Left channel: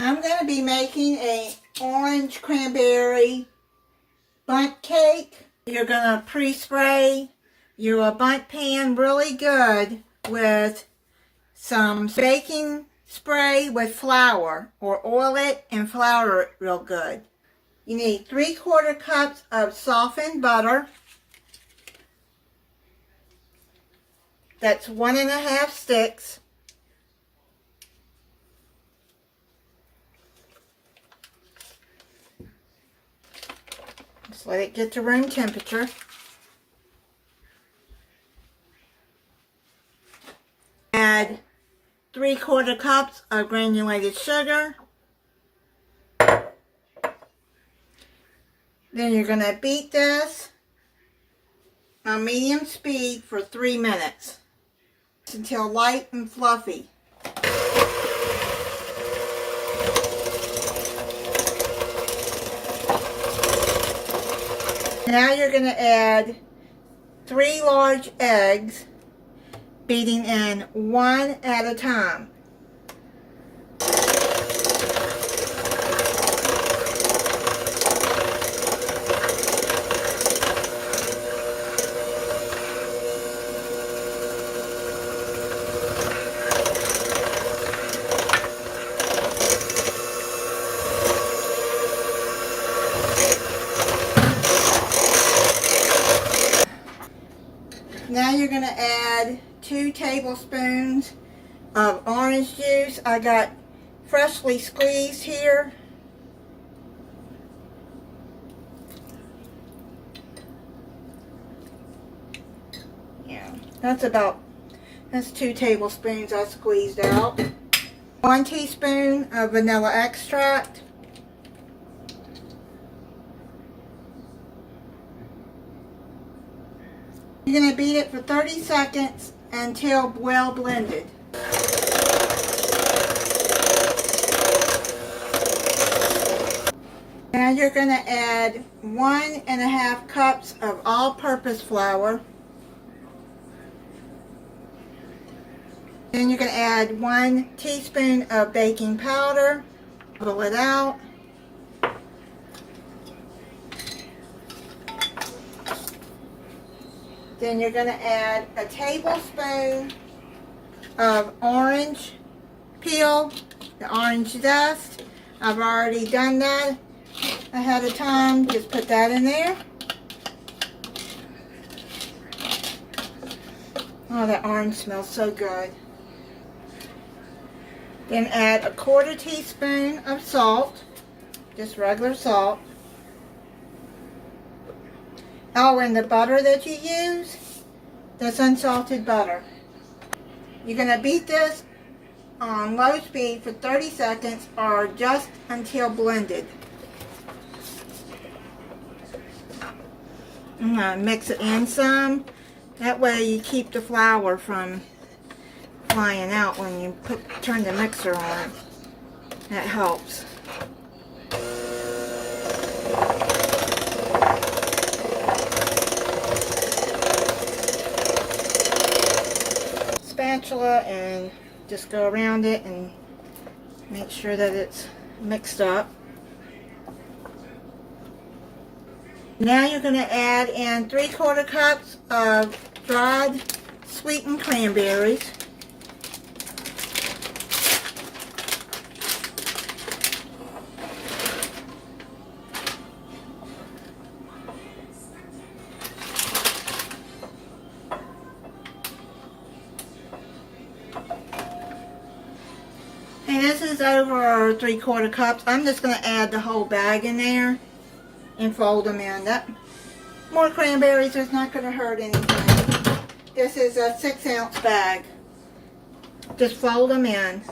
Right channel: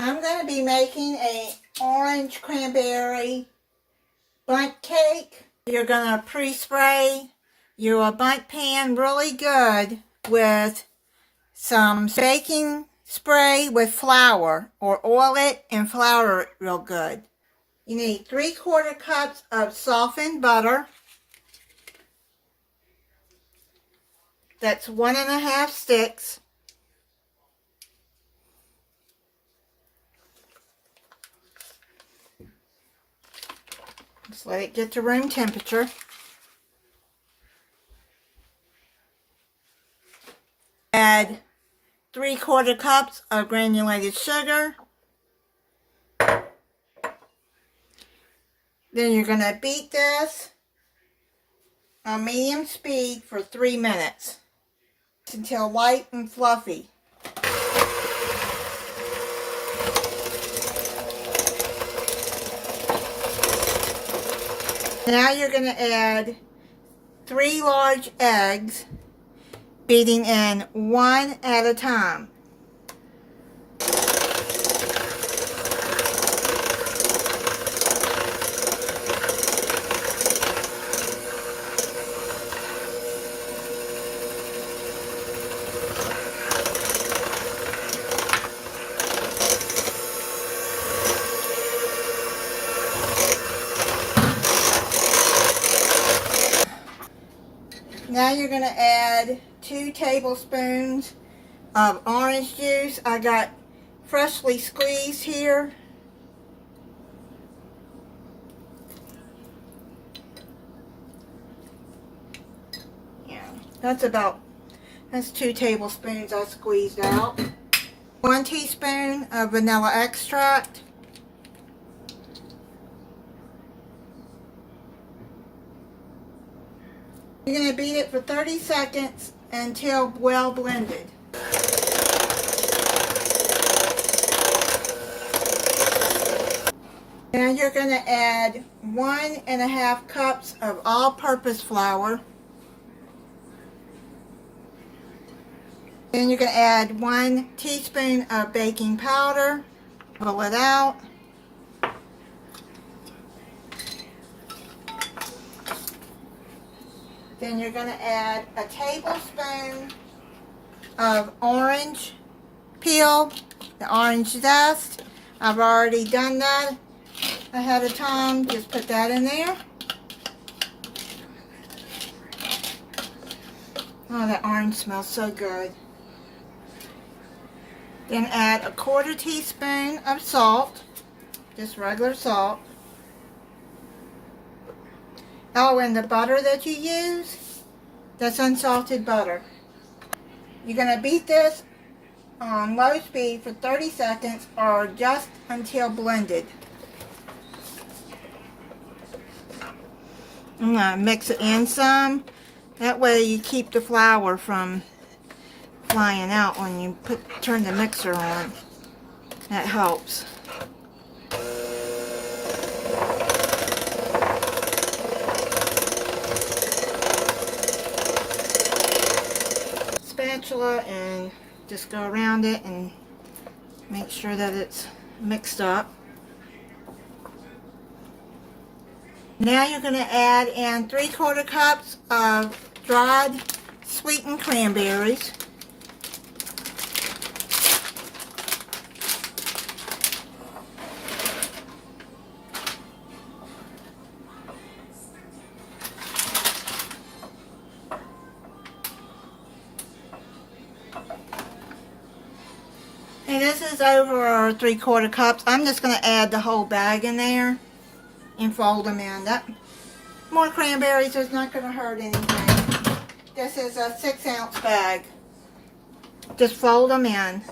I'm going to be making a orange cranberry bundt cake. You're going to pre-spray your bundt pan really good with some baking spray with flour, or oil it and flour it real good. You need 3/4 cups of softened butter. That's 1½ sticks. Just let it get to room temperature. Add 3/4 cups of granulated sugar. Then you're going to beat this on medium speed for 3 minutes until light and fluffy. Now you're going to add 3 large eggs, beating in one at a time. Now you're going to add 2 tablespoons of orange juice. I got freshly squeezed here. Yeah, that's 2 tablespoons I squeezed out. 1 teaspoon of vanilla extract. You're going to beat it for 30 seconds until well blended. Now you're going to add 1½ cups of all-purpose flour. Then you're going to add 1 teaspoon of baking powder. Pull it out. Then you're going to add a tablespoon of orange peel, the orange zest. I've already done that ahead of time. Just put that in there. Oh, that orange smells so good. Then add a 1/4 teaspoon of salt, just regular salt. Oh, and the butter that you use, that's unsalted butter. You're going to beat this on low speed for 30 seconds or just until blended. I'm going to mix it in some. That way you keep the flour from flying out when you turn the mixer on. That helps. Spatula and just go around it and make sure that it's mixed up. Now you're going to add in 3/4 cups of dried sweetened cranberries. And this is over 3/4 cups. I'm just going to add the whole bag in there and fold them in. More cranberries is not going to hurt anything. This is a 6-ounce bag. Just fold them in.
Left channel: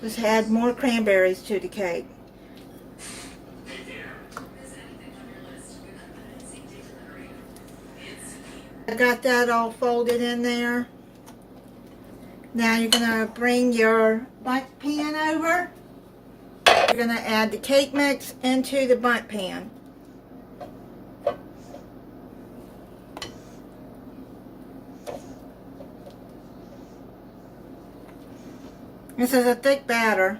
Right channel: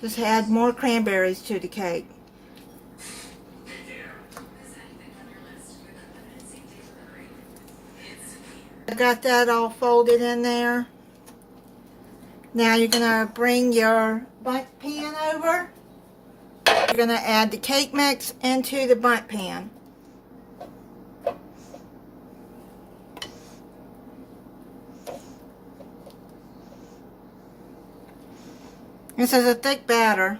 Just add more cranberries to the cake. I got that all folded in there. Now you're going to bring your bundt pan over. You're going to add the cake mix into the bundt pan. This is a thick batter.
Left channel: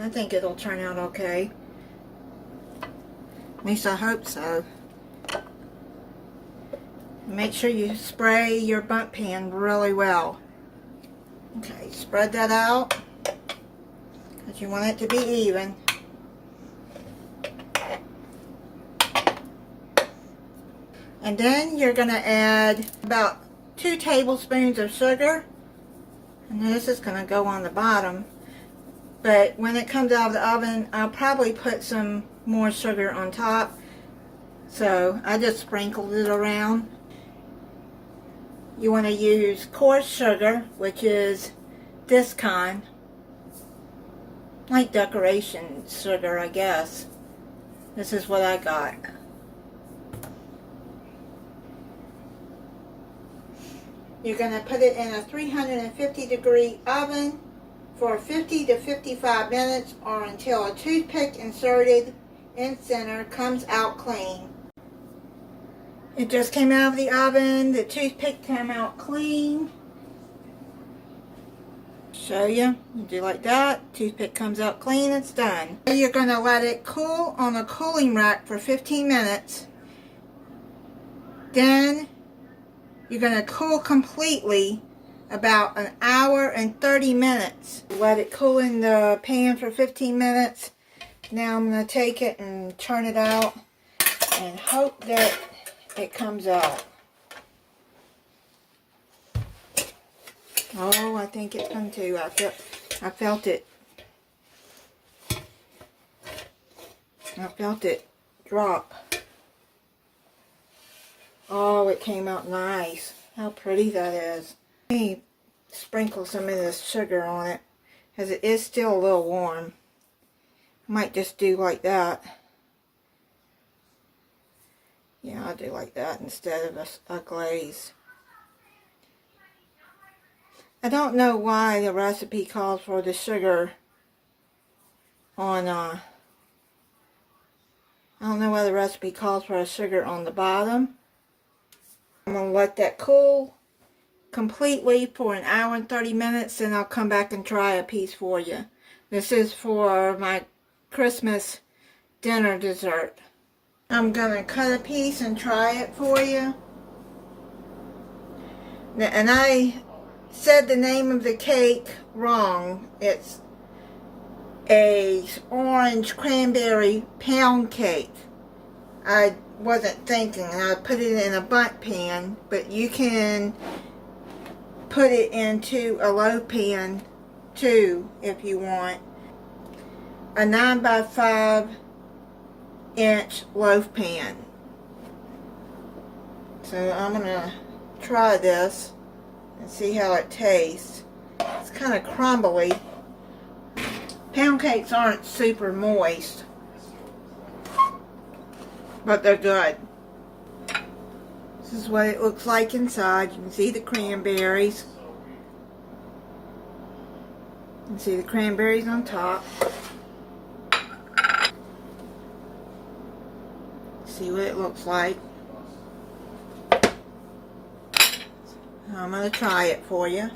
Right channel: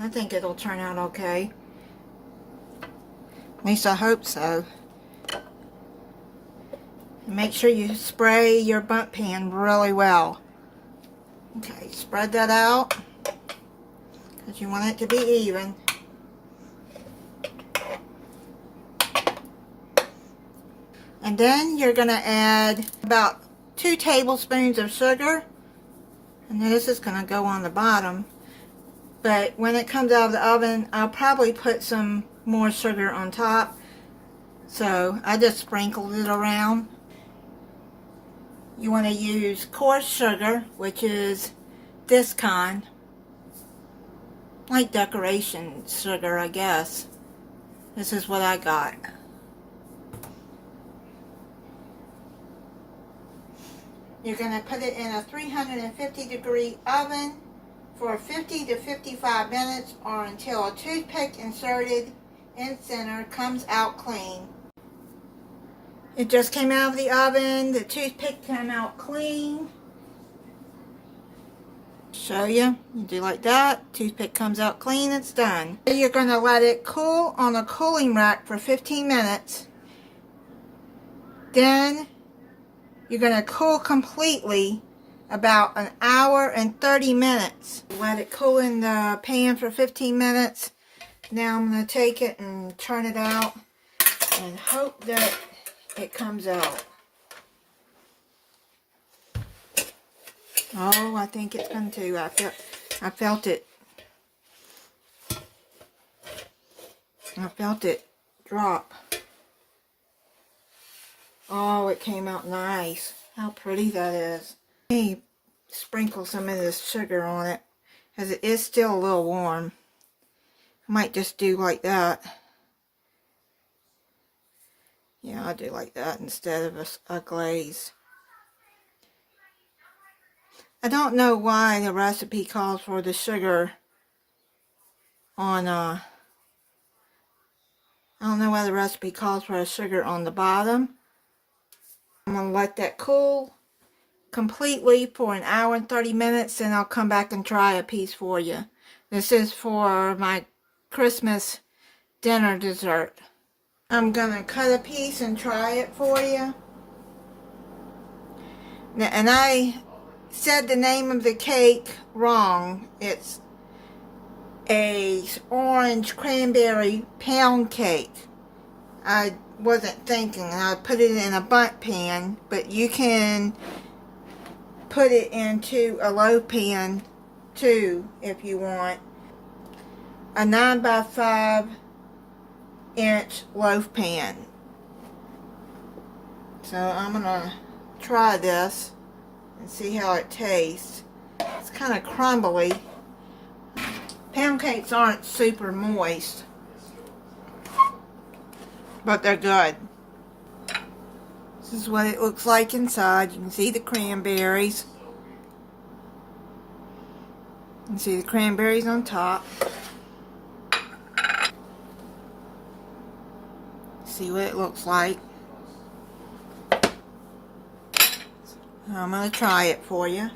I think it'll turn out okay. At least I hope so. Make sure you spray your Bundt pan really well. Okay, spread that out because you want it to be even. And then you're going to add about 2 tablespoons of sugar. And this is going to go on the bottom. But when it comes out of the oven, I'll probably put some more sugar on top. So I just sprinkled it around. You want to use coarse sugar, which is this kind. Like decoration sugar, I guess. This is what I got. You're going to put it in a 350-degree oven for 50 to 55 minutes or until a toothpick inserted in center comes out clean. It just came out of the oven. The toothpick came out clean. Show you. Do like that. Toothpick comes out clean. It's done. You're going to let it cool on a cooling rack for 15 minutes. Then you're going to cool completely about an hour and 30 minutes. Let it cool in the pan for 15 minutes. Now I'm going to take it and turn it out and hope that it comes out. Oh, I think it's going to. I felt it. I felt it drop. Oh, it came out nice. How pretty that is. Let me sprinkle some of this sugar on it, because it is still a little warm. Might just do like that. Yeah, I'll do like that instead of a glaze. I don't know why the recipe calls for the sugar on, I don't know why the recipe calls for a sugar on the bottom. I'm going to let that cool completely for an hour and 30 minutes, and I'll come back and try a piece for you. This is for my Christmas dinner dessert. I'm going to cut a piece and try it for you. And I said the name of the cake wrong. It's a orange cranberry pound cake. I wasn't thinking. I put it in a Bundt pan, but you can put it into a Loaf pan too if you want. A 9x5 inch Loaf pan. So I'm gonna try this and see how it tastes. It's kind of crumbly. Pound cakes aren't super moist, but they're good. This is what it looks like inside. You can see the cranberries. You can see the cranberries on top. See what it looks like. I'm going to try it for you.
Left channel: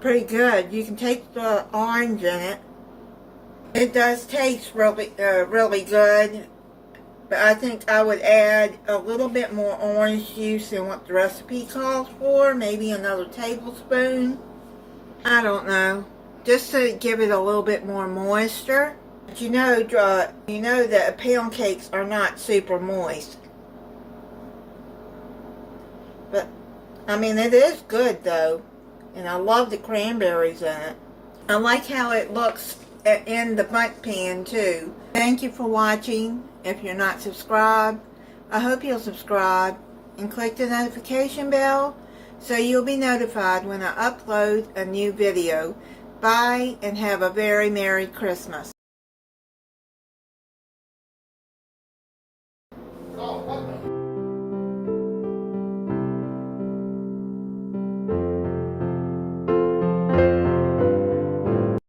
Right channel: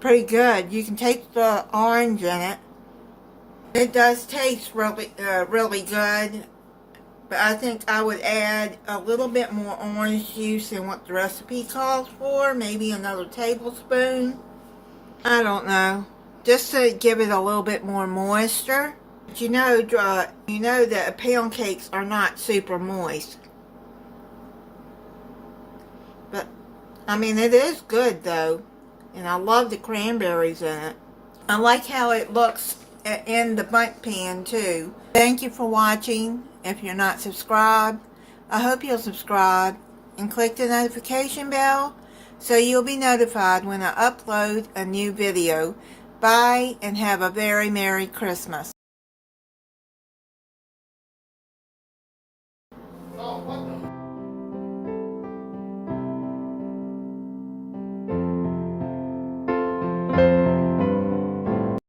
Pretty good. You can taste the orange in it. It does taste really good. But I think I would add a little bit more orange juice than what the recipe calls for. Maybe another tablespoon. I don't know. Just to give it a little bit more moisture. But you know that pound cakes are not super moist. But, I mean, it is good though. And I love the cranberries in it. I like how it looks in the Bundt pan too. Thank you for watching. If you're not subscribed, I hope you'll subscribe and click the notification bell so you'll be notified when I upload a new video. Bye and have a very Merry Christmas.